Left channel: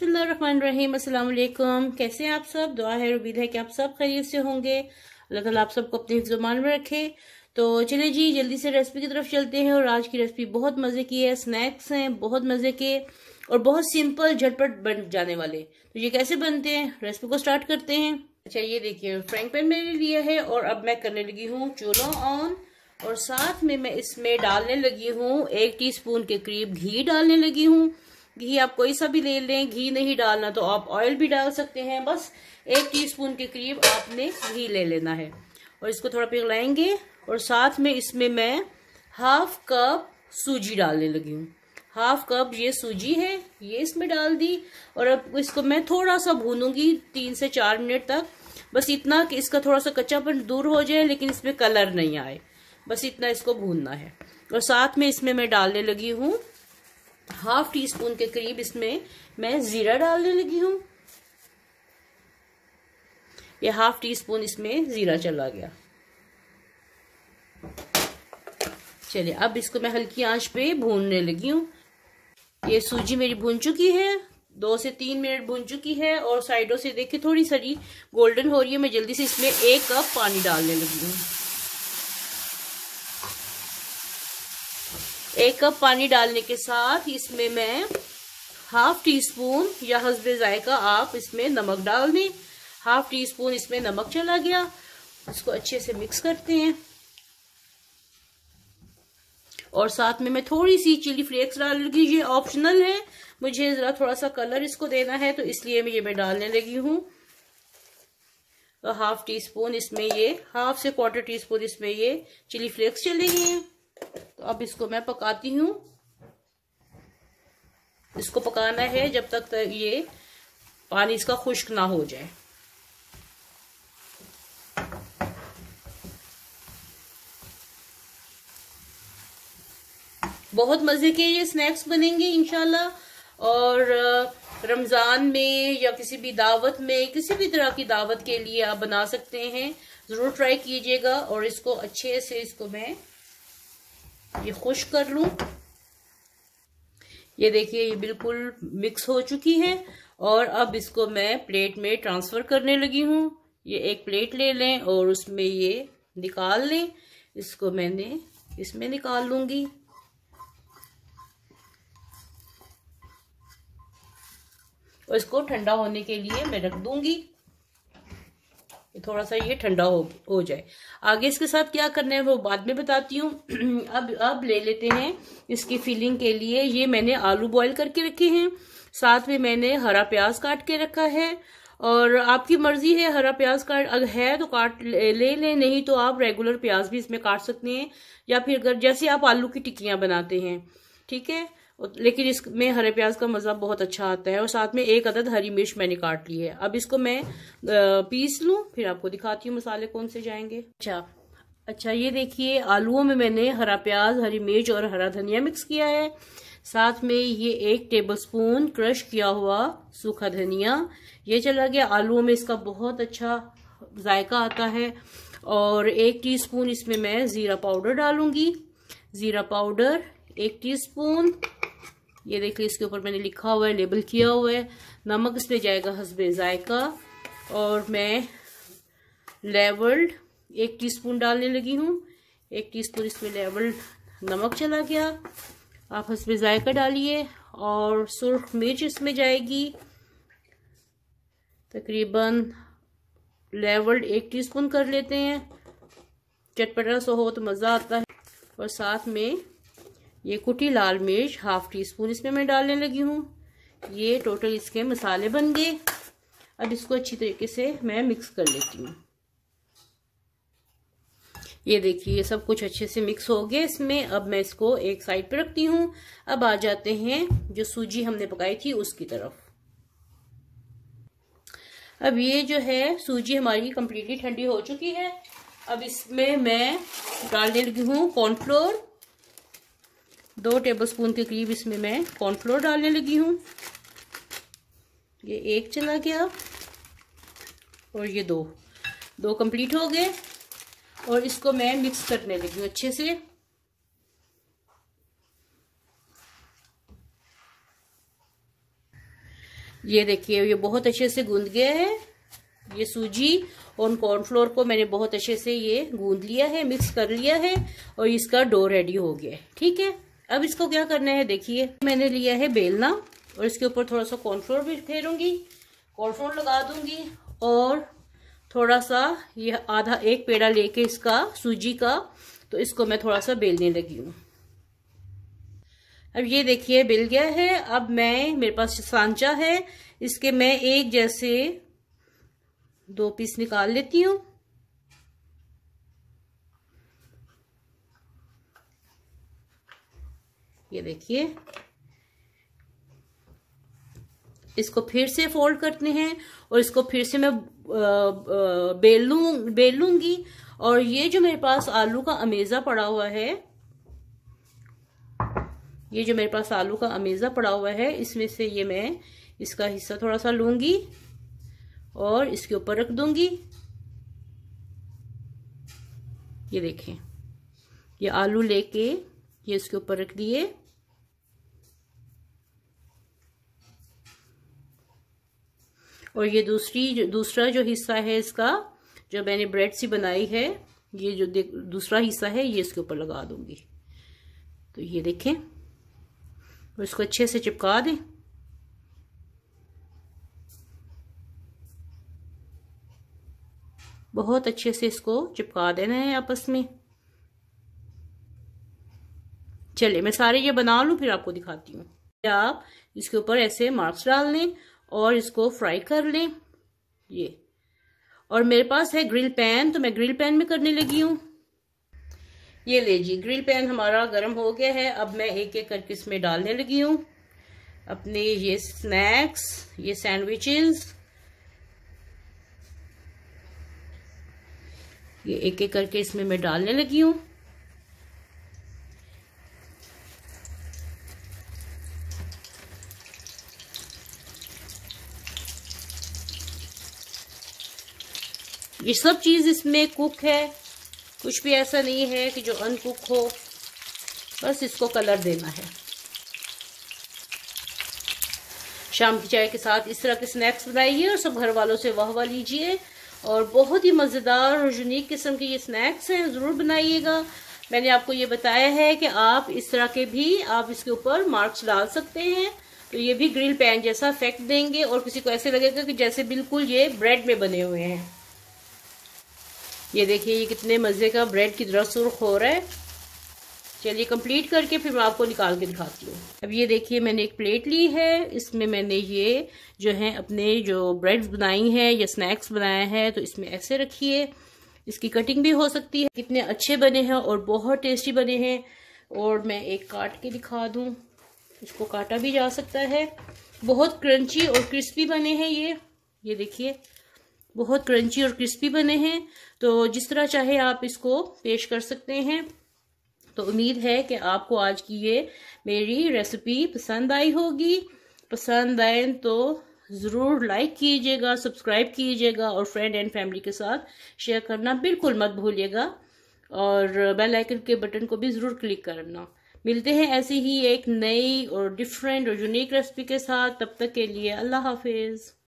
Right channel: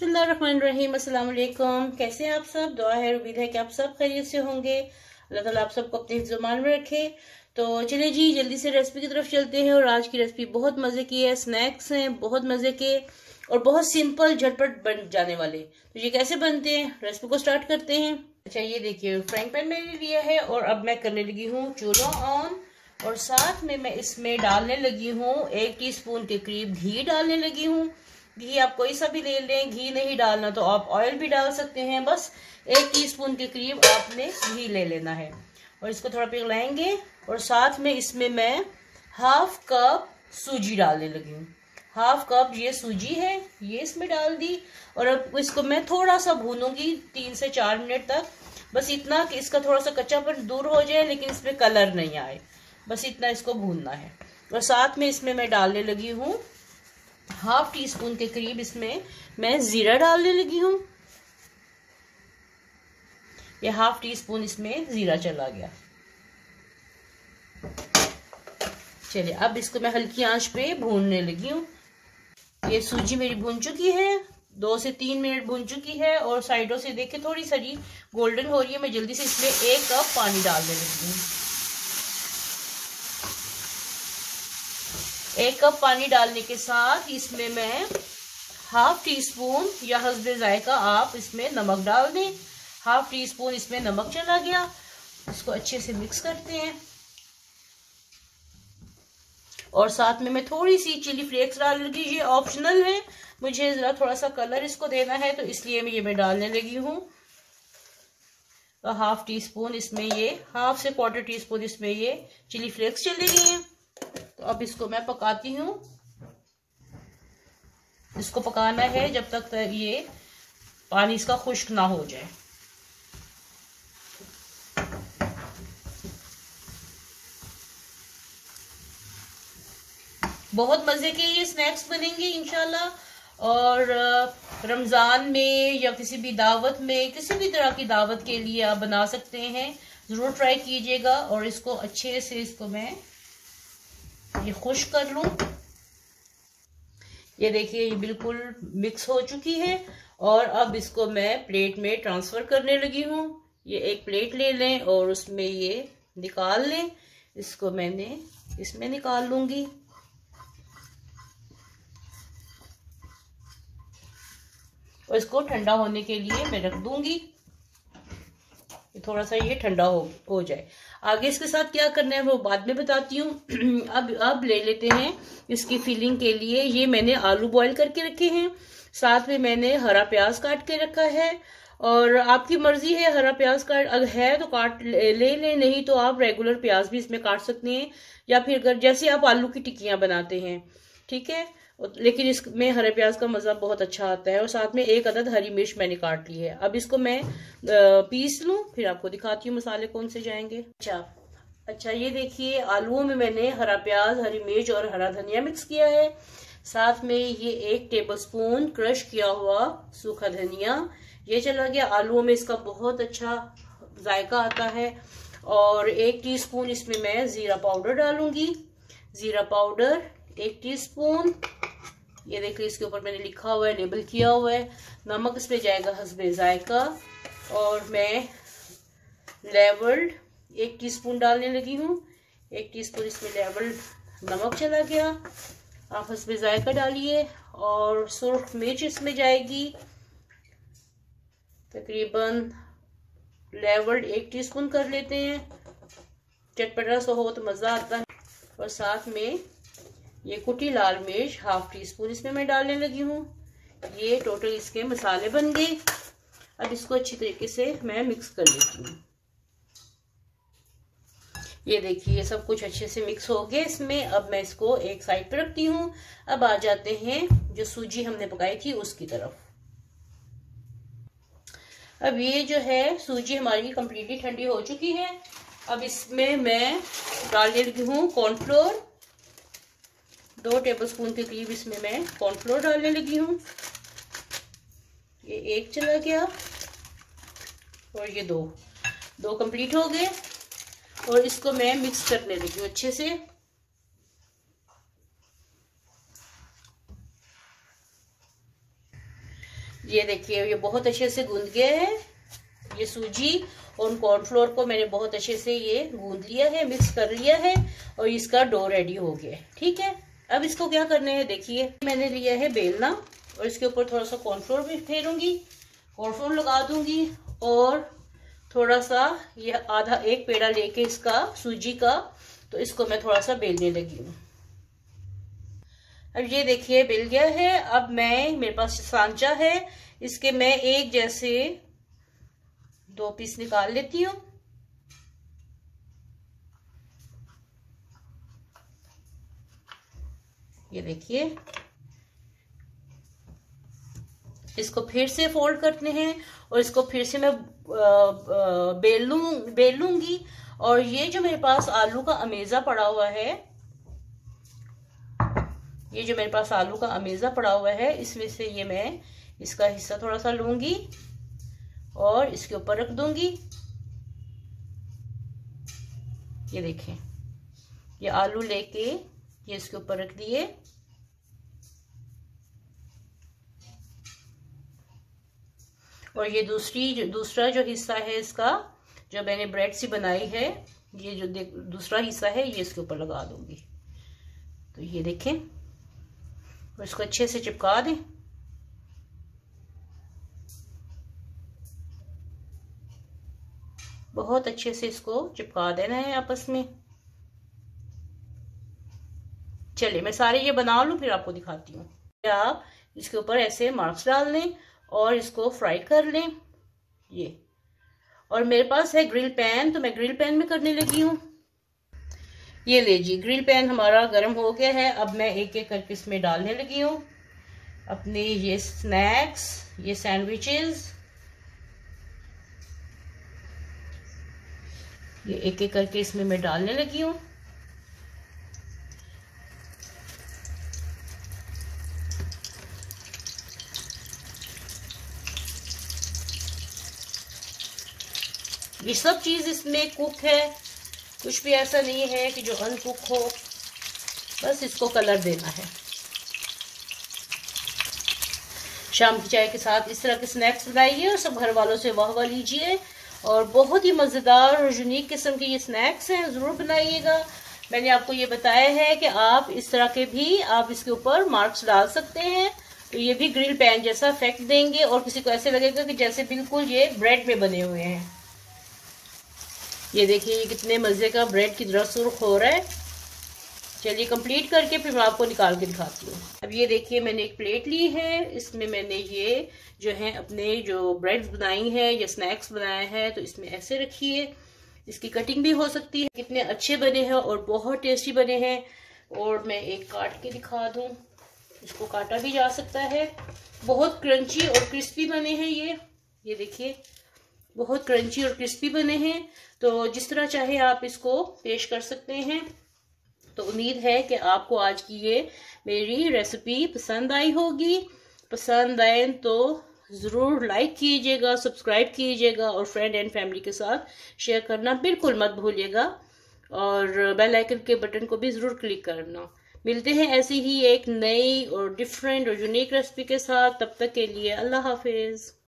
बिस्मिल्लाहिर्रहमानिर्रहीम। अस्सलाम वालेकुम। कैसे हैं आप सब? दुआ है, उम्मीद है कि आप सब खैरियत से होंगे। अल्लाह ताला आप सबको अपने हिफ्ज़-ओ-मान में रखे। तो चलिए जी, जल्दी से रेसिपी की तरफ चलते हैं। और आज की रेसिपी बहुत मजे की है, स्नैक्स हैं बहुत मजे के और बहुत सिंपल झटपट बन जाने वाले। तो ये कैसे बनते हैं, रेसिपी को स्टार्ट करते हैं। अच्छा, ये देखिए फ्राइंग पैन मैंने लिया है और अब मैं करने लगी हूँ चूल्हा ऑन। और साथ में मैं इसमें डालने लगी हूँ 1 टीस्पून के करीब घी डालने लगी हूँ। घी आप कोई सा भी ले लें, घी नहीं डालना तो आप ऑयल भी डाल सकते हैं। बस 1 टीस्पून के करीब आपने घी ले लेना है और इसको थोड़ा पिघलाएंगे। और साथ में इसमें मैं हाफ कप सूजी डालने लगी हूँ। हाफ कप ये सूजी है, ये इसमें डाल दी। और अब इसको मैं थोड़ा सा भूनूंगी 3 से 4 मिनट तक। बस इतना कि इसका थोड़ा सा कच्चापन दूर हो जाए, लेकिन इसमें कलर नहीं आए, बस इतना इसको भूनना है। और साथ में इसमें मैं डालने लगी हूँ हाफ टी स्पून के करीब, इसमें मैं जीरा डालने लगी हूँ। ये हाफ टी स्पून इसमें जीरा चला गया। चलिए अब इसको मैं हल्की आंच पे भूनने लगी हूँ। ये सूजी मेरी भून चुकी है, 2 से 3 मिनट भून चुकी है। और साइडों से देखिए थोड़ी सारी गोल्डन हो रही है। मैं जल्दी से इसमें 1 कप पानी डालने लगी हूँ। 1 कप पानी डालने के साथ इसमें मैं हाफ टी स्पून या हस्बे जायका आप इसमें नमक डाल दें। हाफ टी स्पून इसमें नमक चला गया। इसको अच्छे से मिक्स करते हैं। और साथ में मैं थोड़ी सी चिली फ्लेक्स डाल लगी। ये ऑप्शनल है, मुझे जरा थोड़ा सा कलर इसको देना है तो इसलिए मैं डालने लगी हूँ। तो हाफ टी स्पून इसमें ये, हाफ से क्वार्टर टी स्पून इसमें ये चिली फ्लेक्स चले गए। तो अब इसको मैं पकाती हूँ। इसको पकाना है जब तक ये पानी इसका खुश्क ना हो जाए। बहुत मजे के ये स्नैक्स बनेंगे इंशाल्लाह। और रमजान में या किसी भी दावत में, किसी भी तरह की दावत के लिए आप बना सकते हैं। जरूर ट्राई कीजिएगा। और इसको अच्छे से इसको मैं ये खुश्क कर लूं। ये देखिए ये बिल्कुल मिक्स हो चुकी है। और अब इसको मैं प्लेट में ट्रांसफर करने लगी हूँ। ये एक प्लेट ले लें और उसमें ये निकाल लें। इसको मैंने इसमें निकाल लूंगी। और इसको ठंडा होने के लिए मैं रख दूंगी। थोड़ा सा ये ठंडा हो जाए। आगे इसके साथ क्या करना है वो बाद में बताती हूँ। अब ले लेते हैं इसकी फिलिंग के लिए। ये मैंने आलू बॉईल करके रखे हैं। साथ में मैंने हरा प्याज काट के रखा है। और आपकी मर्जी है, हरा प्याज काट अगर है तो काट ले लें, नहीं तो आप रेगुलर प्याज भी इसमें काट सकते हैं। या फिर अगर जैसे आप आलू की टिक्कियां बनाते हैं, ठीक है, लेकिन इसमें हरे प्याज का मज़ा बहुत अच्छा आता है। और साथ में 1 अदद हरी मिर्च मैंने काट ली है। अब इसको मैं पीस लूं, फिर आपको दिखाती हूँ मसाले कौन से जाएंगे। अच्छा, ये देखिए आलूओं में मैंने हरा प्याज, हरी मिर्च और हरा धनिया मिक्स किया है। साथ में ये 1 टेबलस्पून क्रश किया हुआ सूखा धनिया ये चला गया। आलूओं में इसका बहुत अच्छा जायका आता है। और 1 टीस्पून इसमें मैं जीरा पाउडर डालूंगी। जीरा पाउडर 1 टीस्पून। ये देखिए इसके ऊपर मैंने लिखा हुआ है, लेबल किया हुआ है। नमक इसमें जाएगा हस्बे जायका। और मैं लेवल्ड 1 टीस्पून डालने लगी हूँ। 1 टीस्पून इसमें लेवल्ड नमक चला गया। आप हस्बे जायका डालिए। और सुर्ख मिर्च इसमें जाएगी तकरीबन लेवल्ड 1 टीस्पून कर लेते हैं। चटपटा सा हो तो मज़ा आता है। और साथ में ये कुटी लाल मिर्च हाफ टी स्पून इसमें मैं डालने लगी हूँ। ये टोटल इसके मसाले बन गए। अब इसको अच्छी तरीके से मैं मिक्स कर लेती हूँ। ये देखिए ये सब कुछ अच्छे से मिक्स हो गया इसमें। अब मैं इसको एक साइड पे रखती हूँ। अब आ जाते हैं जो सूजी हमने पकाई थी उसकी तरफ। अब ये जो है सूजी हमारी कंप्लीटली ठंडी हो चुकी है। अब इसमें मैं डालने लगी हूँ कॉर्नफ्लोर। 2 टेबलस्पून के करीब इसमें मैं कॉर्नफ्लोर डालने लगी हूँ। ये 1 चला गया और ये 2 कंप्लीट हो गए। और इसको मैं मिक्स करने लगी हूँ अच्छे से। ये देखिए ये बहुत अच्छे से गूंद गया है। ये सूजी और कॉर्नफ्लोर को मैंने बहुत अच्छे से ये गूंद लिया है, मिक्स कर लिया है और इसका डो रेडी हो गया है। ठीक है, अब इसको क्या करना है, देखिए मैंने लिया है बेलना और इसके ऊपर थोड़ा सा कॉर्नफ्लोर भी फेरूंगी, कॉर्नफ्लोर लगा दूंगी और थोड़ा सा ये आधा एक पेड़ा लेके इसका सूजी का, तो इसको मैं थोड़ा सा बेलने लगी हूँ। अब ये देखिए बेल गया है। अब मेरे पास सांचा है, इसके मैं एक जैसे 2 पीस निकाल लेती हूँ। ये देखिए, इसको फिर से फोल्ड करते हैं और इसको फिर से मैं बेल लूंगी। और ये जो मेरे पास आलू का अमेजा पड़ा हुआ है, ये जो मेरे पास आलू का अमेजा पड़ा हुआ है, इसमें से ये मैं इसका हिस्सा थोड़ा सा लूंगी और इसके ऊपर रख दूंगी। ये देखें, ये आलू लेके ये इसके ऊपर रख दिए। और ये दूसरा जो हिस्सा है इसका, जो मैंने ब्रेड सी बनाई है, ये जो दूसरा हिस्सा है ये इसके ऊपर लगा दूंगी। तो ये देखें, और इसको अच्छे से चिपका दें। बहुत अच्छे से इसको चिपका देना है आपस में। चलिए मैं सारे ये बना लूं फिर आपको दिखाती हूँ। आप इसके ऊपर ऐसे मार्क्स डाल लें और इसको फ्राई कर लें। ये, और मेरे पास है ग्रिल पैन, तो मैं ग्रिल पैन में करने लगी हूँ। ये ले जी, ग्रिल पैन हमारा गर्म हो गया है। अब मैं एक एक करके इसमें डालने लगी हूँ अपने ये स्नैक्स, ये सैंडविचेस, ये एक एक करके इसमें मैं डालने लगी हूँ। ये सब चीज इसमें कुक है, कुछ भी ऐसा नहीं है कि जो अनकुक हो, बस इसको कलर देना है। शाम की चाय के साथ इस तरह के स्नैक्स बनाइए और सब घर वालों से वाह वाह लीजिए। और बहुत ही मज़ेदार और यूनिक किस्म के ये स्नैक्स हैं, ज़रूर बनाइएगा। मैंने आपको ये बताया है कि आप इस तरह के भी आप इसके ऊपर मार्क्स डाल सकते हैं, तो ये भी ग्रिल पैन जैसा इफेक्ट देंगे और किसी को ऐसे लगेगा कि जैसे बिल्कुल ये ब्रेड में बने हुए हैं। ये देखिए ये कितने मज़े का ब्रेड की तरह सुर्ख हो रहा है। चलिए कंप्लीट करके फिर मैं आपको निकाल के दिखाती हूँ। अब ये देखिए मैंने एक प्लेट ली है, इसमें मैंने ये जो है अपने जो ब्रेड्स बनाई हैं या स्नैक्स बनाया है, तो इसमें ऐसे रखिए। इसकी कटिंग भी हो सकती है। कितने अच्छे बने हैं और बहुत टेस्टी बने हैं। और मैं एक काट के दिखा दूँ, इसको काटा भी जा सकता है। बहुत क्रंची और क्रिस्पी बने हैं ये देखिए, बहुत क्रंची और क्रिस्पी बने हैं। तो जिस तरह चाहे आप इसको पेश कर सकते हैं। तो उम्मीद है कि आपको आज की ये मेरी रेसिपी पसंद आई होगी। पसंद आए तो ज़रूर लाइक कीजिएगा, सब्सक्राइब कीजिएगा और फ्रेंड एंड फैमिली के साथ शेयर करना बिल्कुल मत भूलिएगा। और बेल आइकन के बटन को भी ज़रूर क्लिक करना। मिलते हैं ऐसी ही एक नई और डिफरेंट और यूनिक रेसिपी के साथ। तब तक के लिए अल्लाह हाफिज़।